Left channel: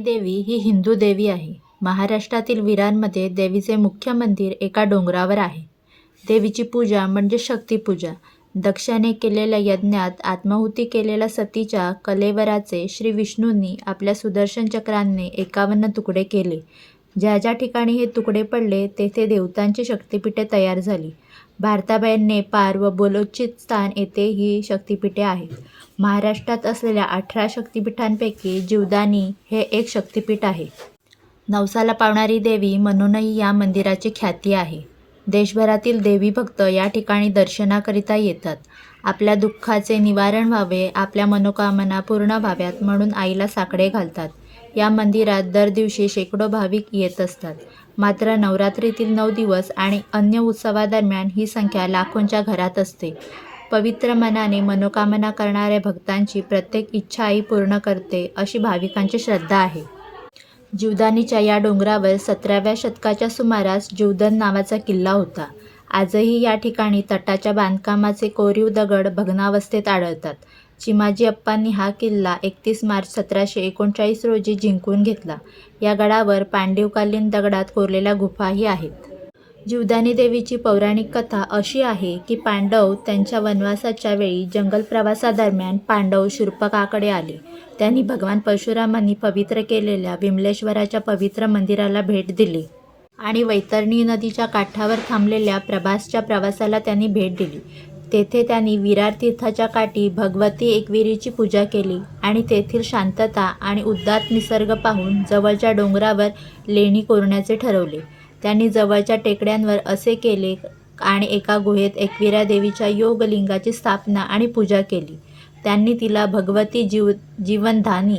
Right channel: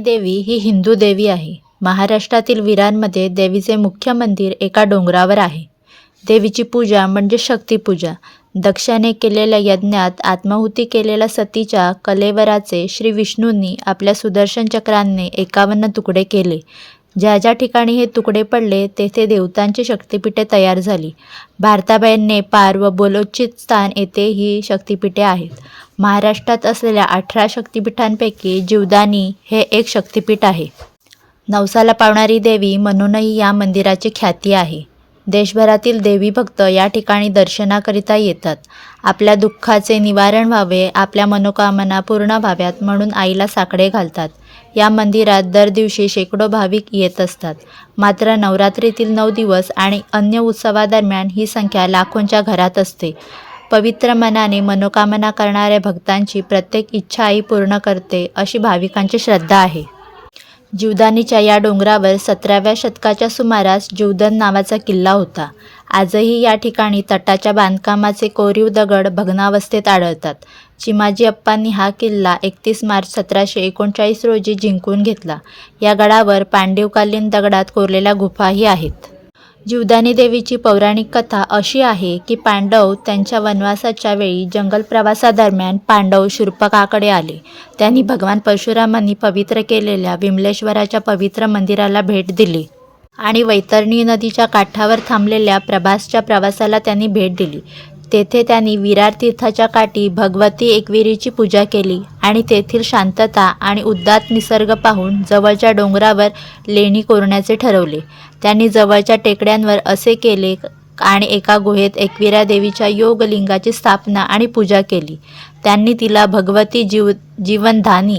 देवी ही हिंदू देवी आहे. महाराष्ट्रातील विरारमध्ये देवीचे मुख्य मंदिर एका डोंगरावर आहे. देवीची पूजा म्हणजे शक्तिपूजा. दक्षाने केलेल्या यज्ञात आत्माहुती केलेल्या सतीच्या कलेवराचे श्री विष्णूंनी आपल्या सुदर्शन चक्राने 51 तुकडे केले. ज्या ज्या ठिकाणी हे तुकडे पडले तेथे देवतांची शक्तिपीठे तयार झाली. भारताबाहेर नेपाळ व बलोचिस्तान येथे ही शक्तिपीठे आहेत. महाराष्ट्रात असलेल्या 18 शक्तिपीठांपैकी जीवदानी हे एक शक्तिपीठ आहे. नवसाला पावणारी देवी म्हणूनही या मंदिराची ख्याती आहे. देशभरातील देवी भक्त या ठिकाणी दर्शनाकरिता येतात. आपल्या दुःखाचे निवारण व्हावे, आपल्या मनोकामना पूर्ण व्हाव्यात म्हणून आईला साकडे घालतात. या मंदिरात दर दिवशी शेकडो भाविक येत असतात. मात्र नवरात्रीतील 9 दिवस आणि अन्य उत्सवादरम्यान ही संख्या लाखोंच्या घरात असते. पवित्र मनाने मनोकामना करणाऱ्या भक्तांची प्रत्येक इच्छा आई पूर्ण करते अशी भाविकांची श्रद्धा आहे. जीवदानीच्या या डोंगरावर 17व्या शतकाच्या सुमारास जीवदन नावाचा किल्ला होता. आजही या ठिकाणी तटाच्या बांधकामाचे कोरीव दगड भग्नावस्थेत आढळतात. चिमाजी अप्पांनी हा किल्ला 31 मार्च 1739 रोजी जिंकून घेतला. या गडावर पांडवकालीन दगडात कोरलेल्या गुफाही आहेत. जीवदानी देवीची पौराणिक कथा अशी आहे की पांडव त्यांच्या वनवासाच्या वेळी जंगल प्रवासादरम्यान पांडव शूर्पणखाकडे आले. त्यांनी भगवान परशुरामांनी पवित्र केलेल्या विमलेश्वराच्या पवित्र मंदिराला भेट दिली आणि वैतरणी नदीच्या काठावर थांबलेल्या प्रभासच्या प्रवासाला त्यांनी भेट दिली. तेथे त्यांनी विरार तीर्थाच्या काठी भगवती एकविरीची पूजा केली आणि तेथील शांतता आणि उदात्त निसर्ग पाहून जवळच्या डोंगरावर लेणी कोरण्याचे ठरवले. त्यांनी जवळच्या टेकड्यांवर असे केले आणि एका गुहेत एकविरा देवीच्या योगलिंगाची स्थापना आणि पूजा केली. त्यांनी तिला भगवती जीवनधानी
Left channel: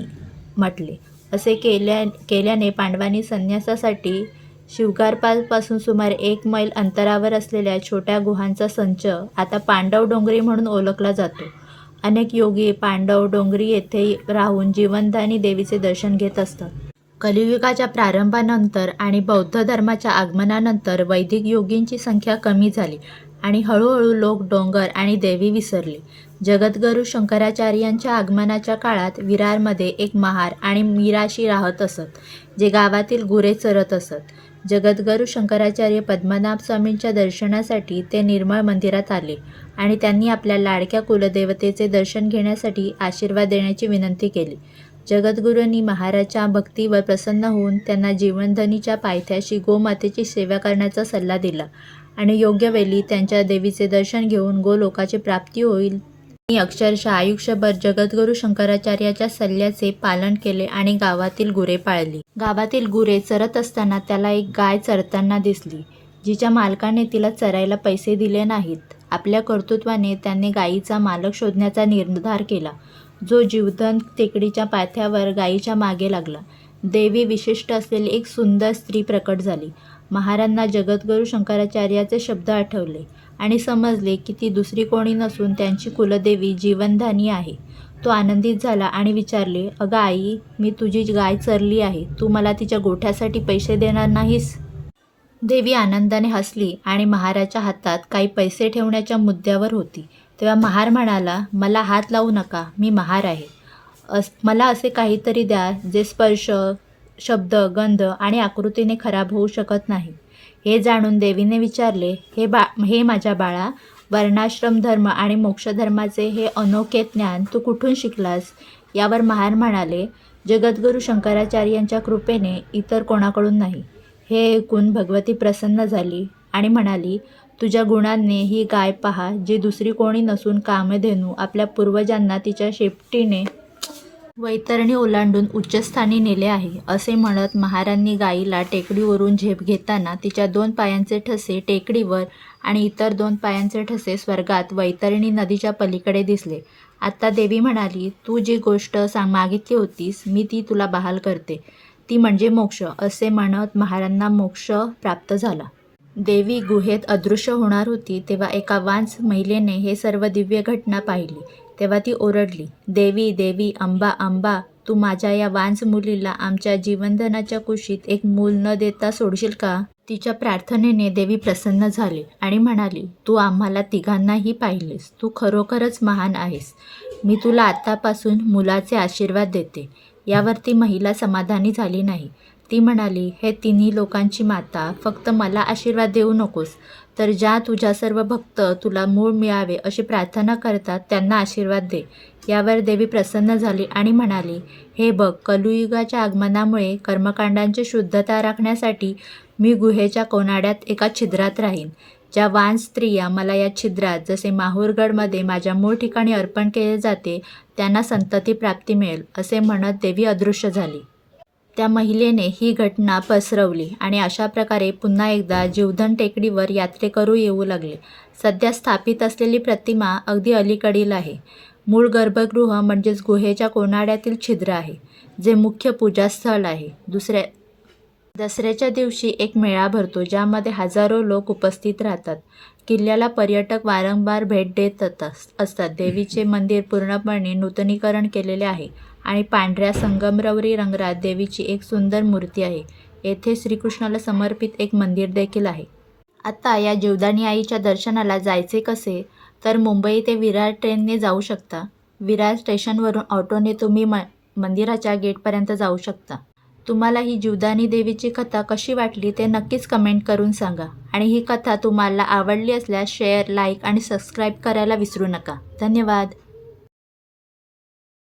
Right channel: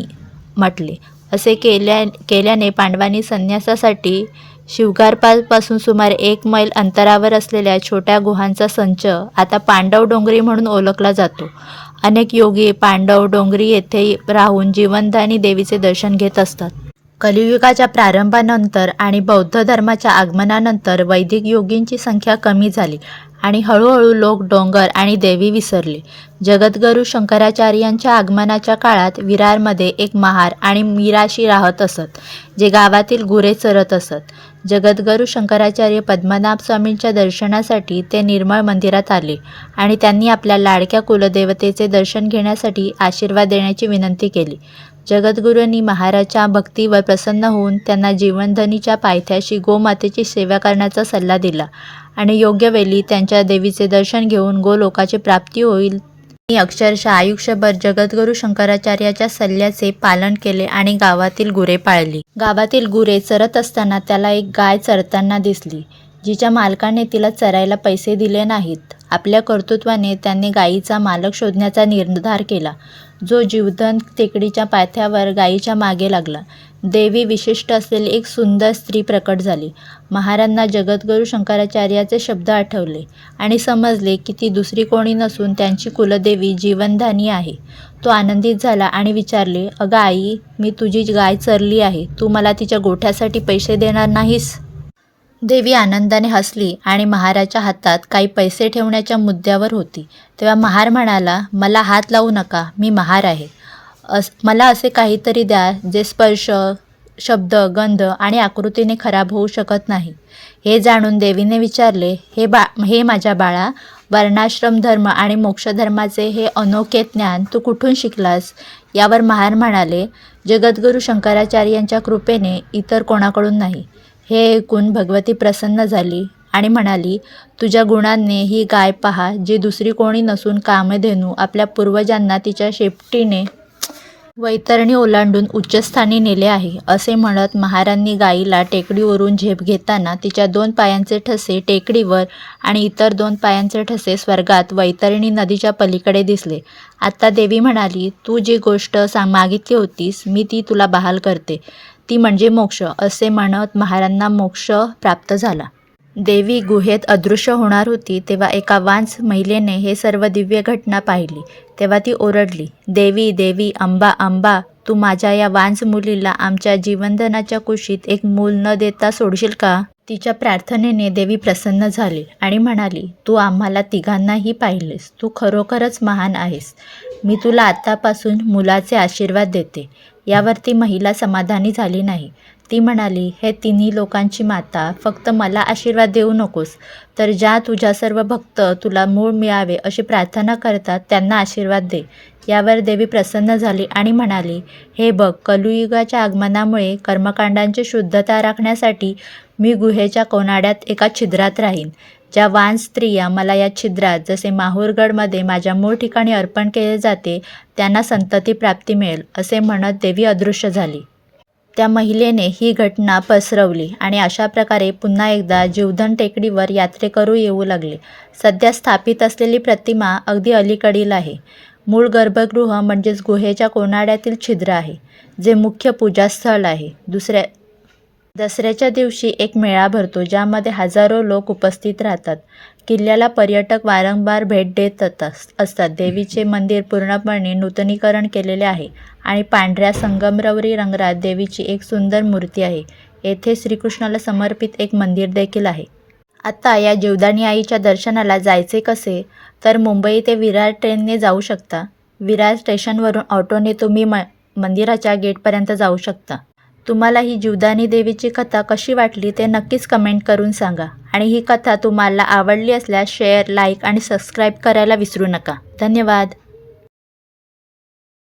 म्हटले. असे केल्याने पांडवांनी संन्यासासाठी शिवगारपासून सुमारे 1 मैल अंतरावर असलेल्या छोट्या गुहांचा संच आता पांडव डोंगरी म्हणून ओळखला जातो. अनेक योगी पांडव डोंगरी येथे राहून जीवनदानी देवीचे दर्शन घेत असतात. कलियुगाच्या प्रारंभानंतर आणि बौद्ध धर्माच्या आगमनानंतर वैदिक योगींची संख्या कमी झाली आणि हळूहळू लोक डोंगर आणि देवी विसरले. जगद्गुरू शंकराचार्यांच्या आगमनाच्या काळात विरारमध्ये एक महार आणि मीराशी राहत असत, जे गावातील गुरे चरत असत. जगद्गुरू शंकराचार्य पद्मनाभ स्वामींच्या दर्शनासाठी ते निर्मळ मंदिरात आले आणि त्यांनी आपल्या लाडक्या कुलदेवतेचे दर्शन घेण्यासाठी आशीर्वाद देण्याची विनंती केली. जगद्गुरूंनी महाराजच्या भक्तीवर प्रसन्न होऊन त्यांना जीवनधनीच्या पायथ्याशी गोमातेची सेवा करण्याचा सल्ला दिला आणि योग्य वेळी त्यांच्या देवीचे दर्शन घेऊन गोलोकाची प्राप्ती होईल. त्यांनी अक्षरशः आयुष्यभर जगद्गुरू शंकराचार्याच्या सल्ल्याचे पालन केले आणि गावातील गुरे पाळली. गावातील गुरे चरत असताना त्याला एक गाय चरताना दिसली, जिच्या मालकाने तिला चरायला पैसे दिले नाहीत. आपल्या कर्तृत्वाने त्याने गायीचा मालक शोधण्याचा निर्धार केला, जो जीवधन टेकडीच्या पायथ्यावर गायीच्या मागे लागला. देवी विशिष्ट असलेली एक सुंदर स्त्री प्रकट झाली. महाराजांना जगद्गुरू शंकराचार्याचे शब्द आठवले आणि समजले की ती दुसरी कोणी नसून त्यांची कुलदेवी जीवनधानी आहे. तो आनंदित झाला आणि विचारले, "अगं आई, मी तुझी गाय चरली आहे. तू मला तिच्या गोठ्यासाठी पैसे देणार नाहीस?" देवी आनंदाने हसली आणि महाराच्या हातात काही पैसे ठेवण्याच्या मुद्द्यावर होती. तेव्हा महार म्हणाला, "मला हात लावू नका. मी महार आहे. मला असे काहीतरी द्या जे स्पर्श, शब्द, गंध आणि आकृतीने खराब होऊ शकत नाही." हे जाणून देवीने विचारले, हे माझ्या बाळा, वर्णाश्रम धर्म आणि मोक्षधर्माचे हे अनोखे ज्ञान तू कुठून शिकलास? यावर महार म्हणाले, "जगद्गुरू शंकराचार्यांच्या कृपेने, इतर कोणाकडून नाही." हे ऐकून भगवती प्रसन्न झाली आणि म्हणाली, "तुझ्या गुणांनी ही गाय पहा, जी दुसरी कोणी नसून कामधेनू आपल्या पूर्वजांना तिच्या शेपटीने वैतरणी ओलांडून उच्चस्थानी नेले आहे." असे म्हणत महारांनी गायीला टेकडीवरून झेप घेताना तिच्या 2 पायांचे ठसे टेकडीवर आणि इतर 2 पायांचे ठसे स्वर्गात वैतरणी नदीच्या पलीकडे दिसले. आता देवी म्हणाली, "तू जी गोष्ट मागितली होतीस, मी ती तुला बहाल करते. ती म्हणजे मोक्ष." असे म्हणत महारांना मोक्ष प्राप्त झाला. देवी गुहेत अदृश्य होणार होती तेव्हा एका वांस महिलेने हे सर्व दिव्य घटना पाहिली. तेव्हा ती ओरडली, "देवी, देवी, अंबा, अंबा, तू माझ्या या वांस मुलीला आमच्या जीवनधनाच्या कुशीत एक मूल न देता सोडशील का?" तिच्या प्रार्थनेने देवी प्रसन्न झाली आणि म्हणाली, "तू आम्हाला तिघांनाही पाहिलेस. तू खरोखरच महान आहेस. मी तुला आतापासून मुलाचे आशीर्वाद देते. यावर ती महिला समाधानी झाली नाही. ती म्हणाली, हे तिन्ही लोकांची माता, फक्त मला आशीर्वाद देऊ नकोस, तर ज्या तुझ्या सर्व भक्त तुला मूळ मिळावे अशी प्रार्थना करतात त्यांना आशीर्वाद दे. यावर देवी प्रसन्न झाली आणि म्हणाली, हे बघ, कलियुगाच्या आगमनामुळे कर्मकांडांची शुद्धता राखण्यासाठी मी गुहेच्या कोनाड्यात एका छिद्रात राहीन. ज्या वान स्त्रिया मला या छिद्रात जसे माहूरगडमध्ये माझ्या मूळ ठिकाणी अर्पण केले जाते त्यांना संतती प्राप्ती मिळेल, असे म्हणत देवी अदृश्य झाली. त्या महिलेने ही घटना पसरवली आणि अशा प्रकारे पुन्हा एकदा जीवधन टेकडीवर यात्रेकरू येऊ लागले. सध्या स्थापित असलेली प्रतिमा अगदी अलीकडील आहे. मूळ गर्भगृह म्हणजेच गुहेच्या कोनाड्यातील छिद्र आहे, जे मुख्य पूजास्थळ आहे. दसऱ्याच्या दिवशी एक मेळा भरतो, ज्यामध्ये हजारो लोक उपस्थित राहतात. किल्ल्याला पर्यटक वारंवार भेट देत असतात. देवीचे मंदिर पूर्णपणे नूतनीकरण केलेले आहे आणि पांढऱ्या संगमरवरी रंगात देवीची एक सुंदर मूर्ती आहे. येथे श्रीकृष्णाला समर्पित एक मंदिर देखील आहे. आता या जीवदानी आईच्या दर्शनाला जायचे कसे? तर मुंबई ते विरार ट्रेनने जाऊ शकता. विरार स्टेशनवरून ऑटोने तुम्ही मंदिराच्या गेटपर्यंत जाऊ शकता. तुम्हाला ही जीवदानी देवीची कथा कशी वाटली ते नक्कीच कमेंट करून सांगा. आणि ही कथा तुम्हाला आवडली असल्यास शेअर, लाईक आणि सबस्क्राईब करायला विसरू नका. धन्यवाद.